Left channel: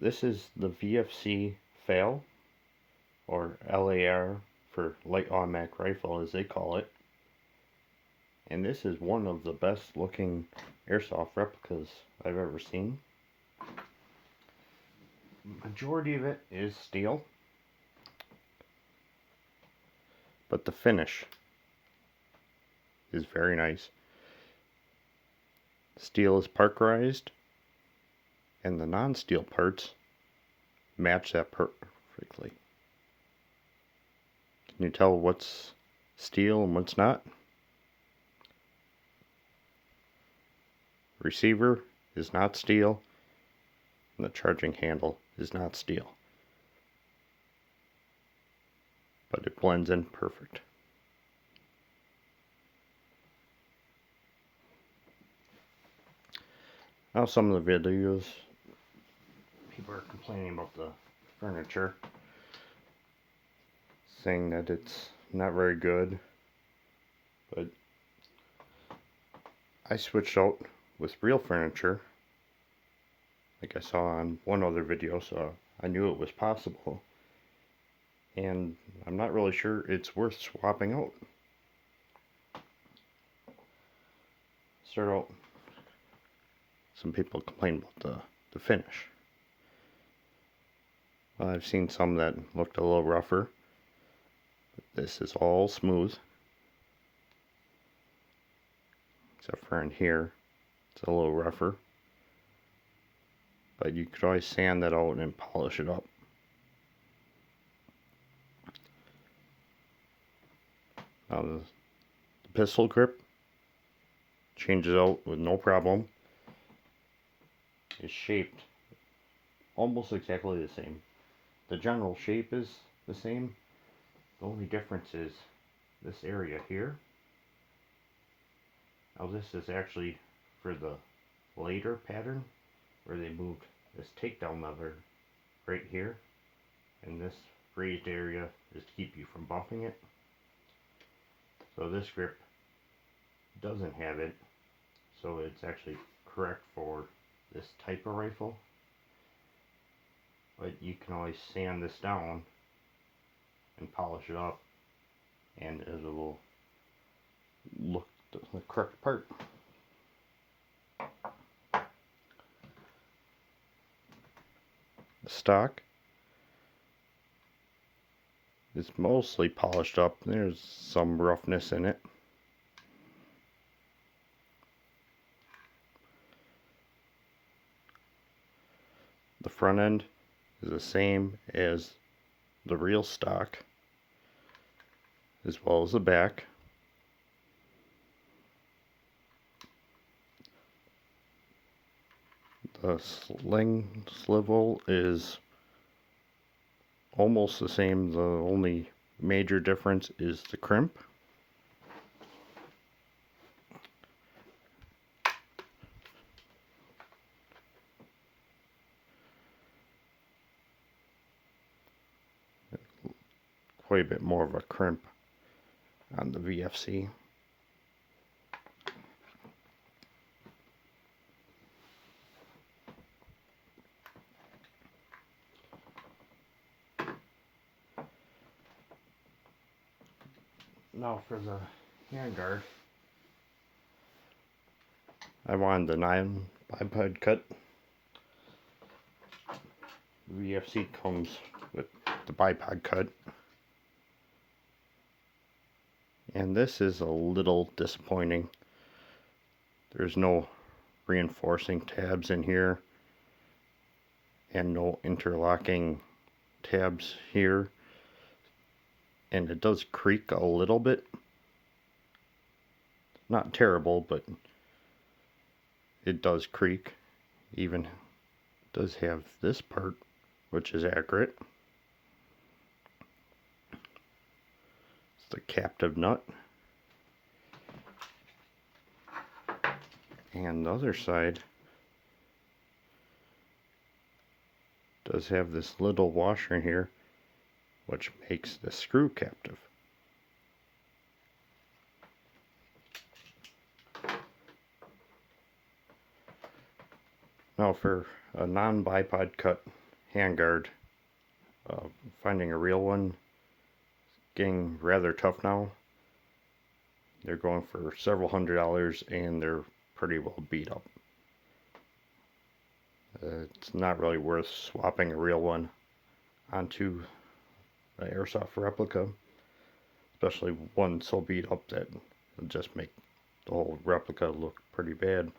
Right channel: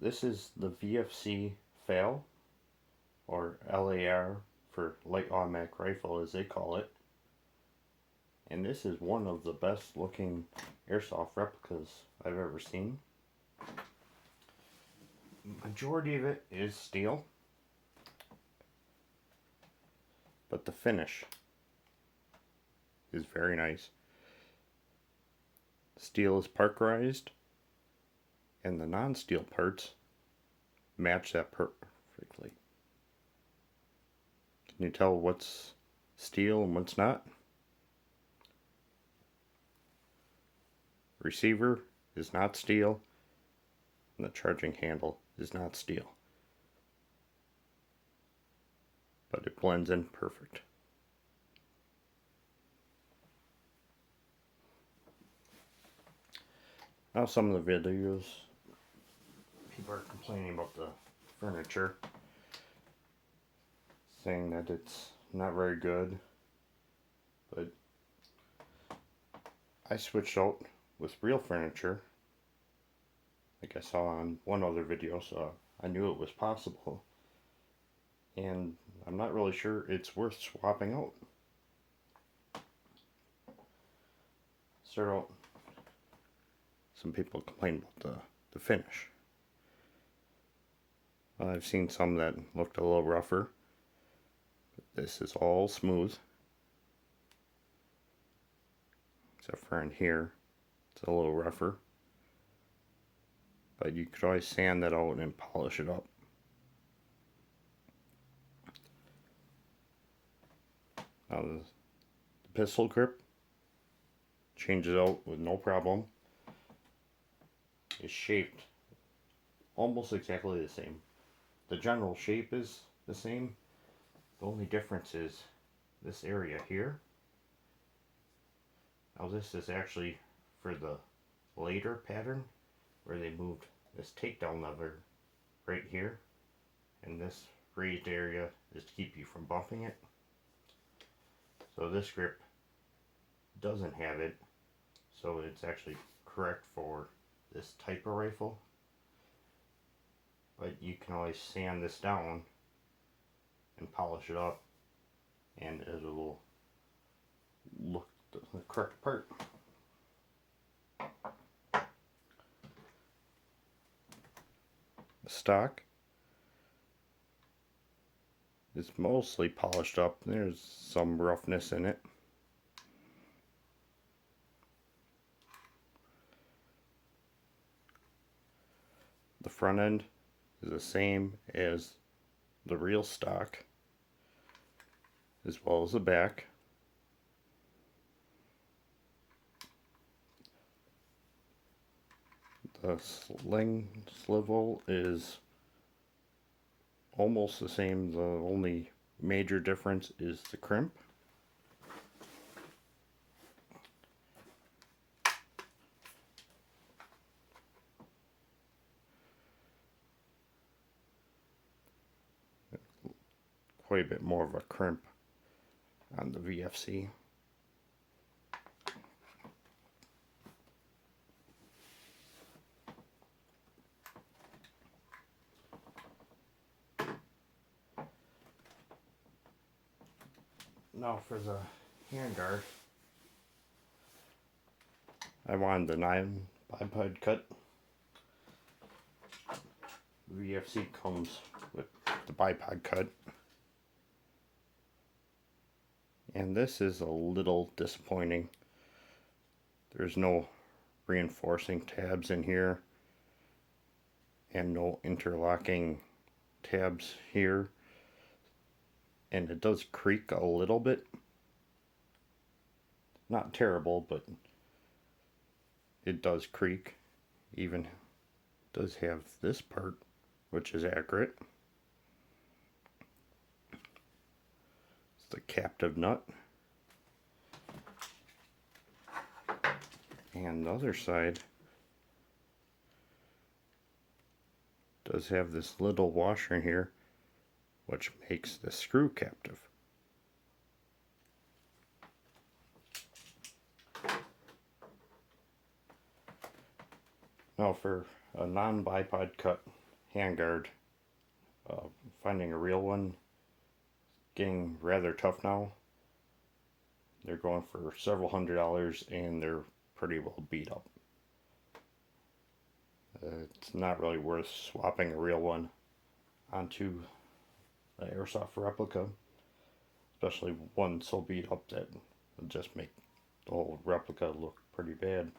This is the VFC FAL, or LAR for light automatic rifle as they call it. And this is one of the best looking airsoft replicas I've ever seen. Majority of it is steel, but the finish is very nice. Steel is parkerized, and the non-steel parts match that perfectly. Can you tell what's steel and what's not? Receiver is not steel, and the charging handle is not steel. But it blends in perfect. Now some of the videos, people are complaining about the furniture, saying that it's not very good, but I switched out with real furniture, like I saw on one other video, so I knew it was possible, and I'm not really sure it's worth swapping out. Start out. Some people complain about the finish. Well, I've seen some that looked a little rougher, but this is all smooth, except for in here, it's a little rougher, but you could always sand that out and polish it up. Now the pistol grip changes out with no problem. Is shaped almost exactly the same. The general shape is the same. The only difference is this area here. Now this is actually for the later pattern where they moved this takedown lever right here, and this raised area is to keep you from bumping it. So this grip doesn't have it, so it's actually correct for this type of rifle, but you can always sand this down and polish it up, and it will look the correct part. The stock is mostly polished up. There's some roughness in it. The front end is the same as the real stock, as well as the back. The sling swivel is almost the same. The only major difference is the crimp. Quite a bit more of a crimp on the VFC. Now for the handguard, I wanted the 9 bipod cut. VFC comes with the bipod cut, and this is a little disappointing. There's no reinforcing tabs in here and no interlocking tabs here, and it does creak a little bit. Not terrible, but it does creak. Even does have this part, which is accurate. It's the captive nut. And the other side does have this little washer in here, which makes the screw captive. Now for a non-bipod cut, handguard. Finding a real one getting rather tough now. They're going for several $100s and they're pretty well beat up. It's not really worth swapping a real one onto an airsoft replica, especially one so beat up that would just make the whole replica look pretty bad.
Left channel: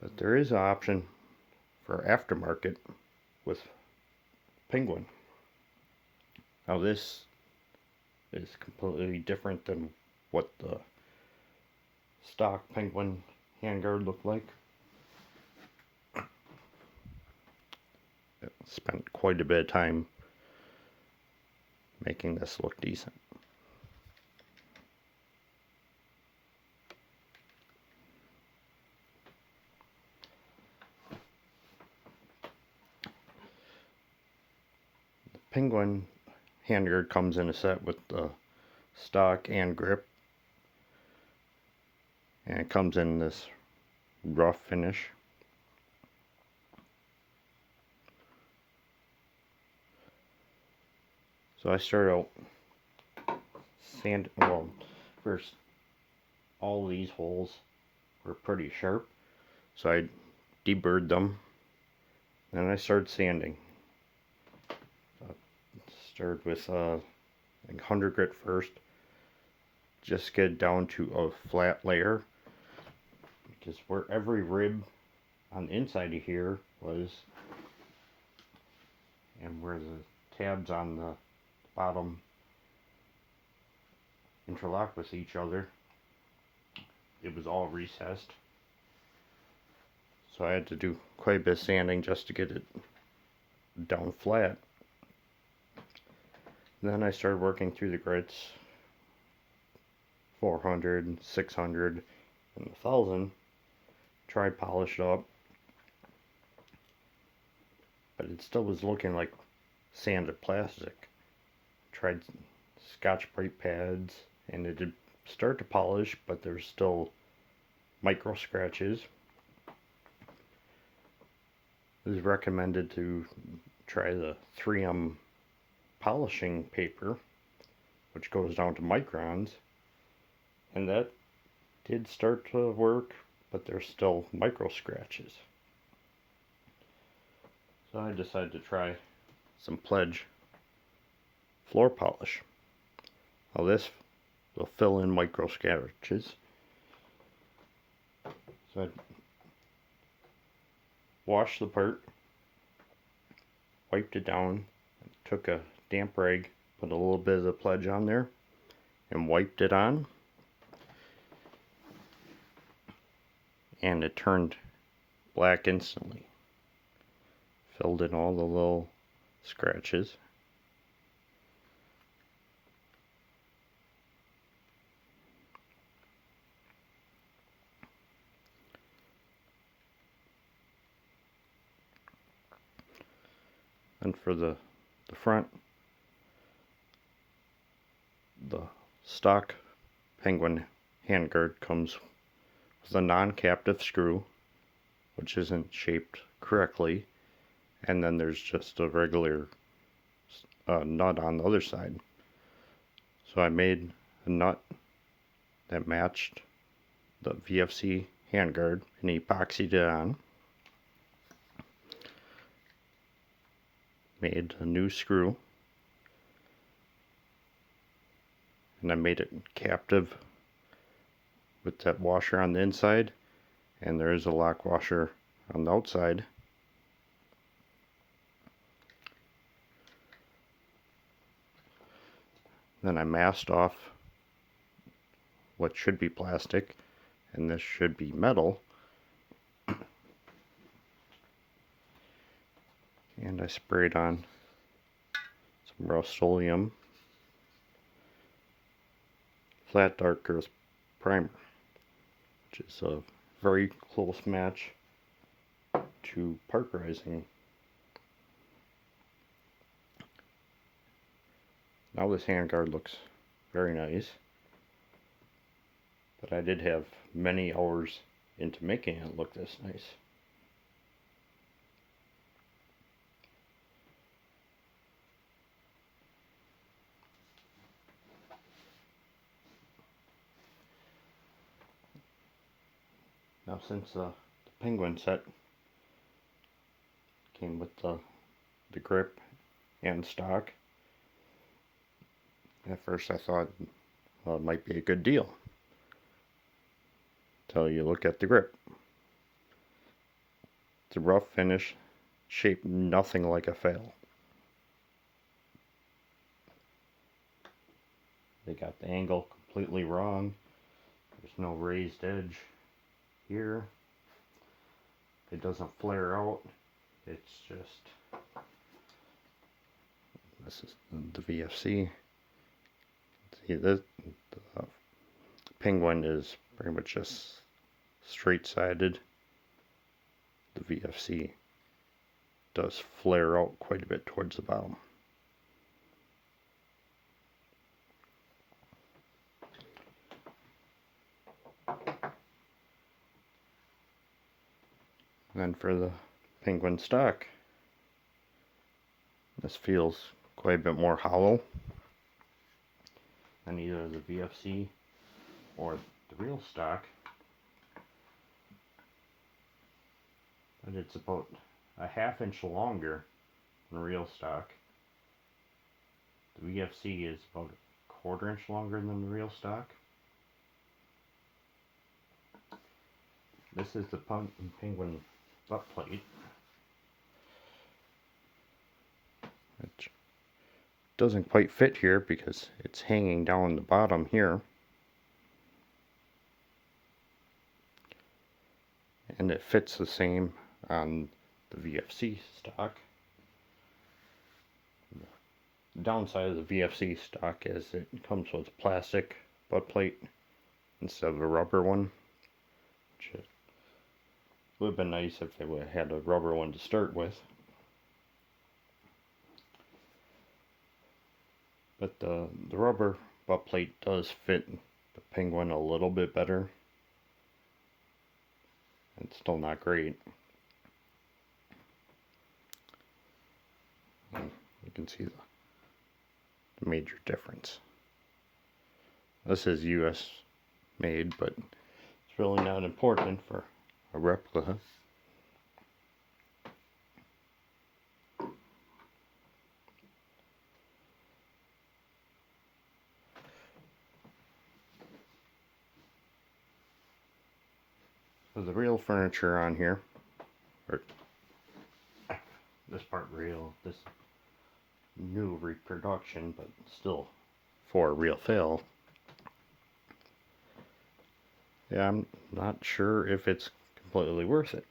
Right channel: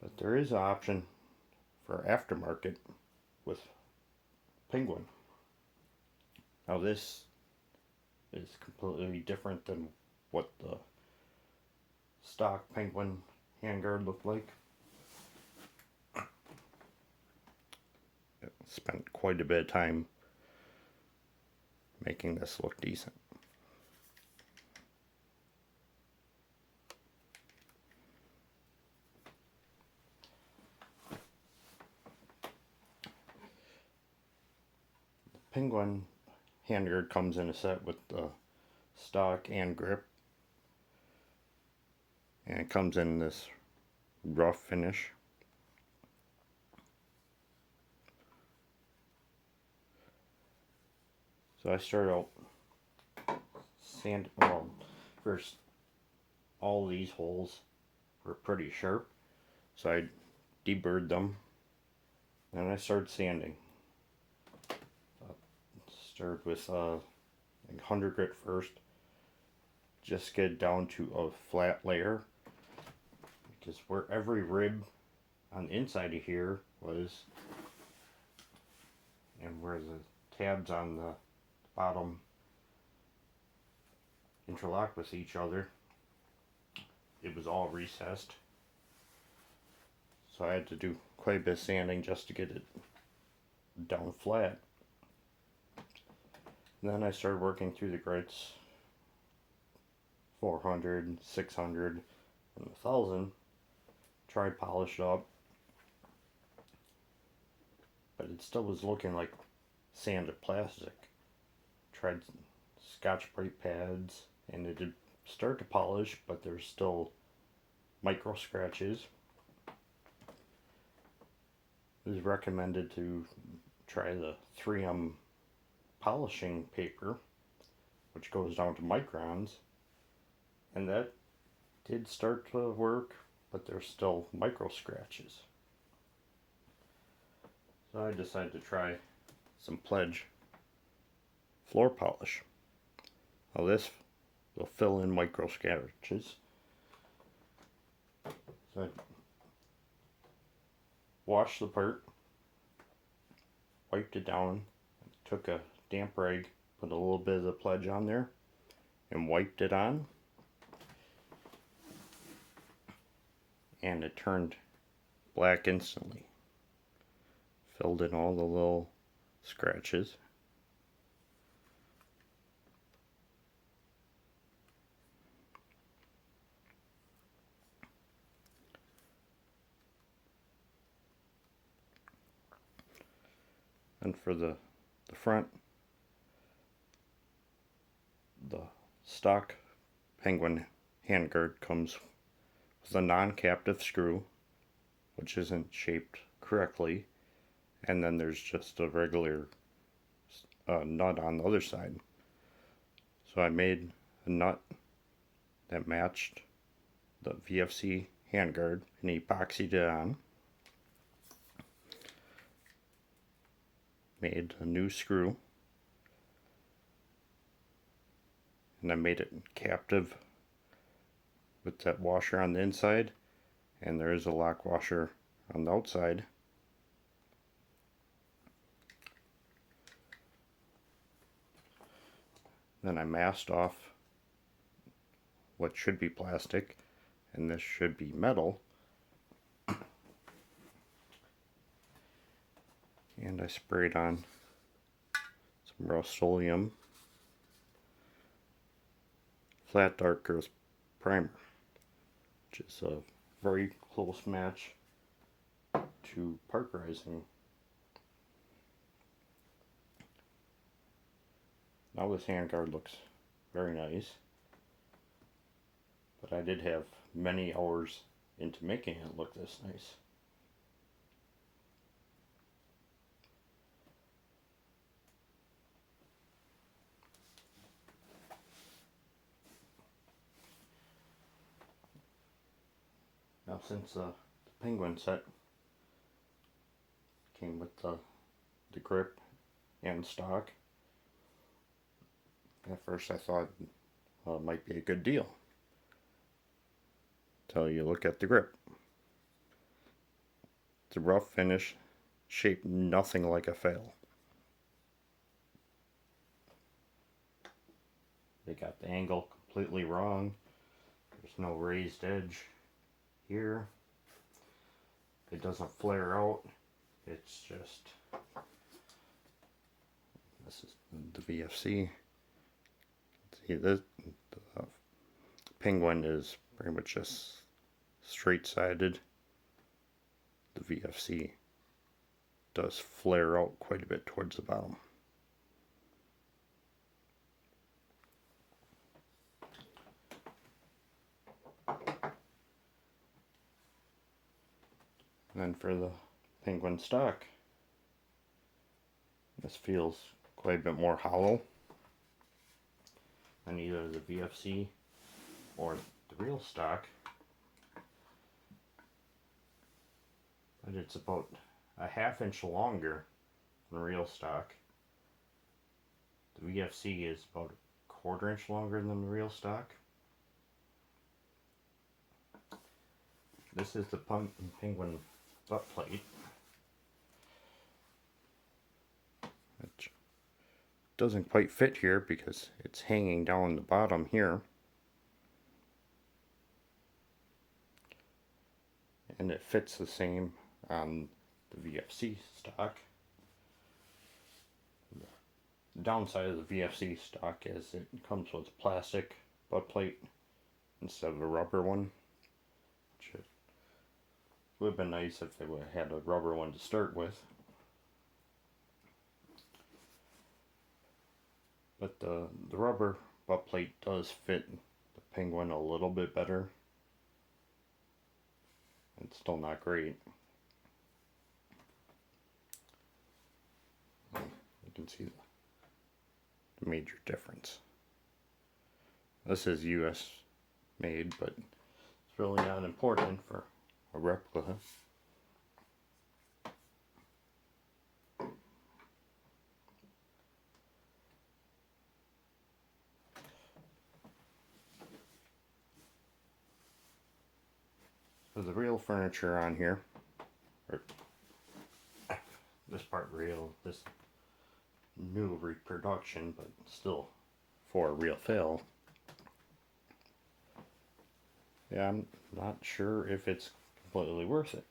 But there is an option for aftermarket with Penguin. Now this is completely different than what the stock Penguin handguard looked like. I spent quite a bit of time making this look decent. The Penguin handguard comes in a set with the stock and grip, and it comes in this rough finish. So I started out sanding. Well, first all these holes were pretty sharp, so I deburred them. Then I started sanding. Started with 100 grit first, just get down to a flat layer, because where every rib on the inside of here was, and where the tabs on the bottom interlock with each other, it was all recessed. So I had to do quite a bit of sanding just to get it down flat. Then I started working through the grits, 400, 600, and 1000. Tried polish it up, but it still was looking like sanded plastic. Tried Scotch Brite pads, and it did start to polish, but there's still micro scratches. It is recommended to try the 3M polishing paper, which goes down to microns, and that did start to work, but there's still micro scratches. So I decided to try some Pledge floor polish. Now this will fill in micro scratches. So I washed the part, wiped it down, took a damp rag, put a little bit of the Pledge on there, and wiped it on. And it turned black instantly. Filled in all the little scratches. And for the front, the stock Penguin handguard comes with a non-captive screw, which isn't shaped correctly, and then there's just a regular nut on the other side. So I made a nut that matched the VFC handguard and epoxied it on. Made a new screw, and I made it captive with that washer on the inside, and there is a lock washer on the outside. Then I masked off what should be plastic, and this should be metal. And I sprayed on some Rust-Oleum Flat Darkers primer, which is a very close match to parkerizing. Now this handguard looks very nice, but I did have many hours into making it look this nice. Now since the penguin set came with the grip and stock, at first I thought, well, it might be a good deal. Until you look at the grip. The rough finish, shaped nothing like a fail. They got the angle completely wrong. There's no raised edge here. It doesn't flare out. It's just, this is the VFC. See, the penguin is pretty much just straight-sided. The VFC does flare out quite a bit towards the bottom. And then for the penguin stock, this feels quite a bit more hollow than either the VFC or the real stock. But it's about a ½ inch longer than real stock. The VFC is about a ½ inch longer than the real stock. This is the penguin butt plate. It doesn't quite fit here because it's hanging down the bottom here. And it fits the same on the VFC stock. The downside of the VFC stock is it comes with a plastic butt plate instead of a rubber one, which would have been nice if they would have had a rubber one to start with. But the rubber butt plate does fit the penguin a little bit better. It's still not great. You can see the major difference. This is US made, but it's really not important for a replica. So the real furniture on here, or this part real, this new reproduction, but still for a real fail. Yeah, I'm not sure if it's completely worth it.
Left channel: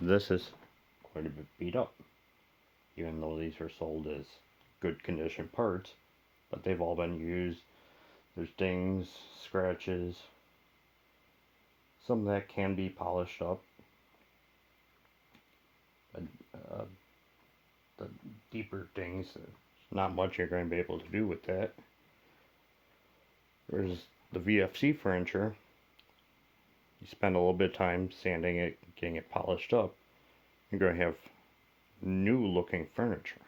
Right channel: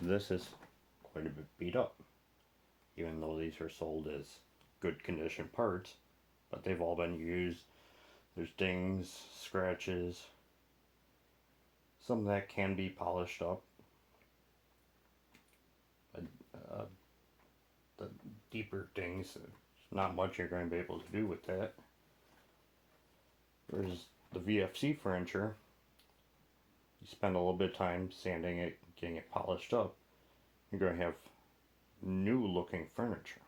This is quite a bit beat up, even though these are sold as good condition parts, but they've all been used. There's dings, scratches. Some of that can be polished up. The deeper dings, not much you're going to be able to do with that. Whereas the VFC furniture, you spend a little bit of time sanding it, getting it polished up, you're going to have new looking furniture.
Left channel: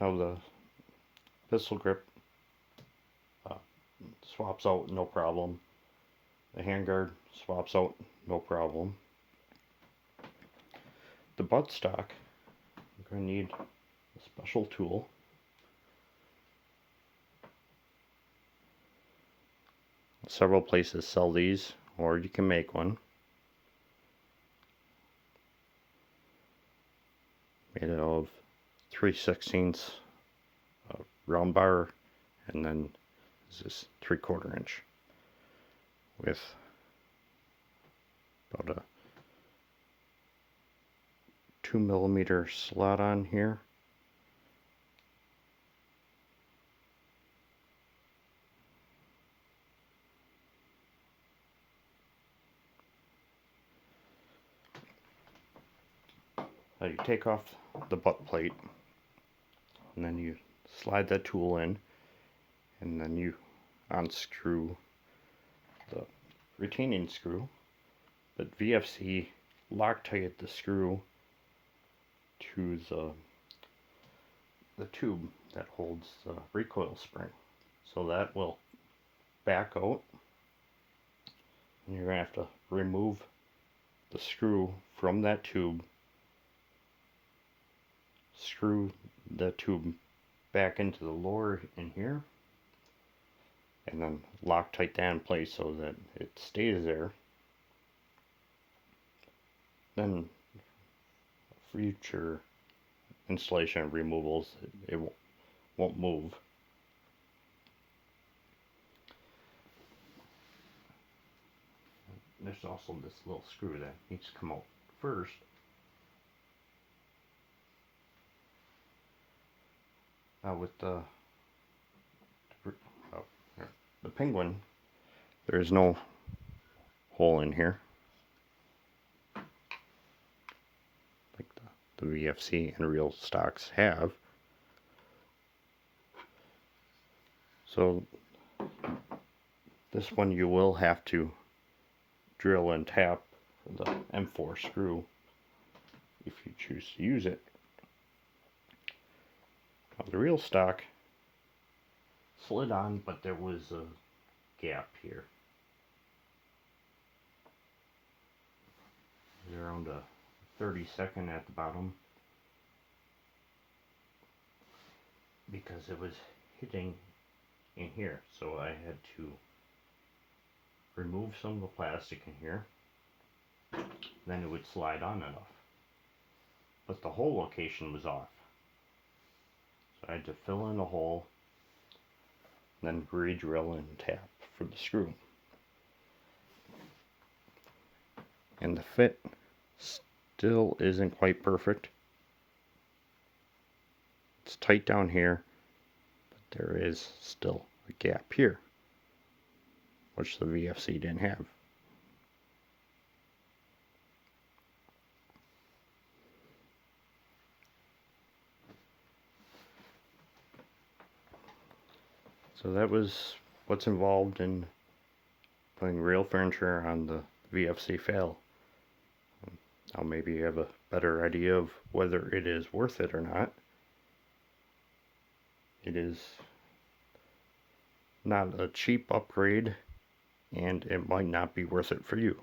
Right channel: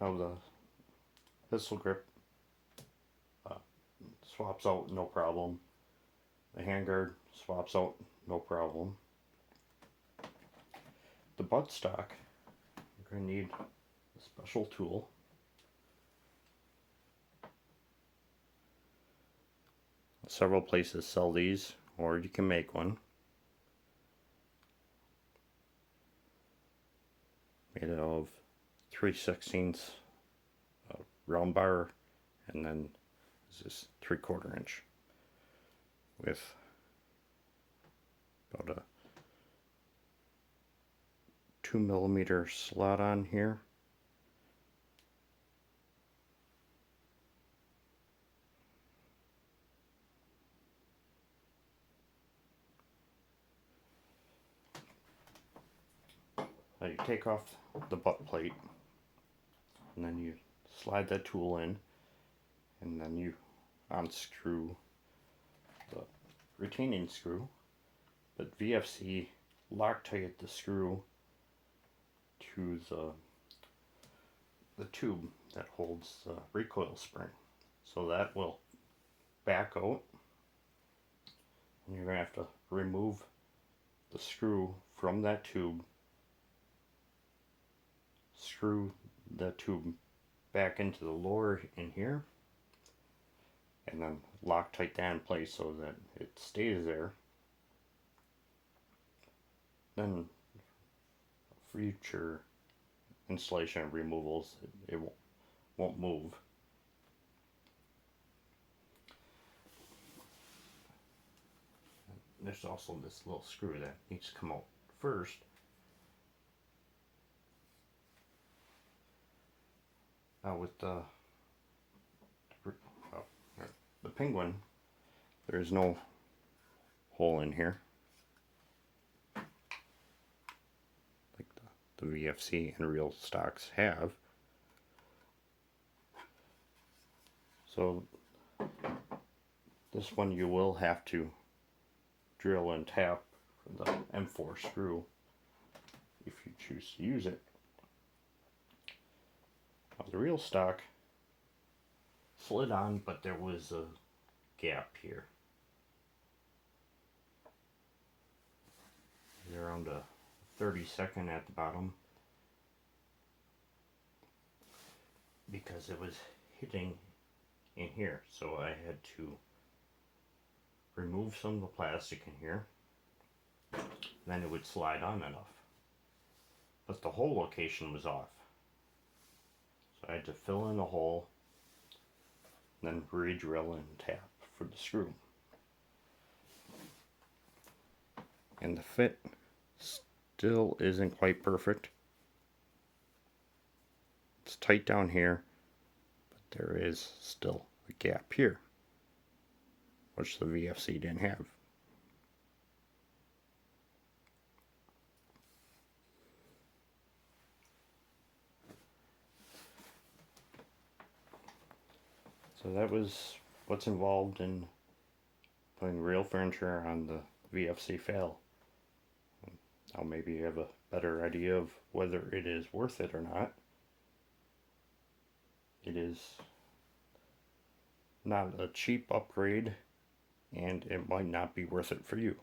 Now the pistol grip swaps out no problem. The handguard swaps out no problem. The buttstock, you're going to need a special tool. Several places sell these, or you can make one. Made out of 3/16 round bar, and then this is 3/4 inch with about a 2mm slot on here. Now you take off the butt plate, and then you slide that tool in, and then you unscrew the retaining screw. But VFC Loctite the screw to the tube that holds the recoil spring. So that will back out, and you're going to have to remove the screw from that tube, screw the tube back into the lower in here, and then Loctite that in place so that it stays there. Then future installation removals, it won't move. There's also this little screw that needs to come out first. With the Penguin, there is no hole in here like the VFC and real stocks have. So this one you will have to drill and tap the M4 screw if you choose to use it. Now, the real stock slid on, but there was a gap here. Around a 32nd at the bottom, because it was hitting in here, so I had to remove some of the plastic in here, then it would slide on enough, but the hole location was off, so I had to fill in the hole, then re-drill and tap for the screw. And the fit still isn't quite perfect. It's tight down here, but there is still a gap here, which the VFC didn't have. So that was what's involved in putting real furniture on the VFC fail. Now maybe you have a better idea of whether it is worth it or not. It is not a cheap upgrade, and it might not be worth it for you.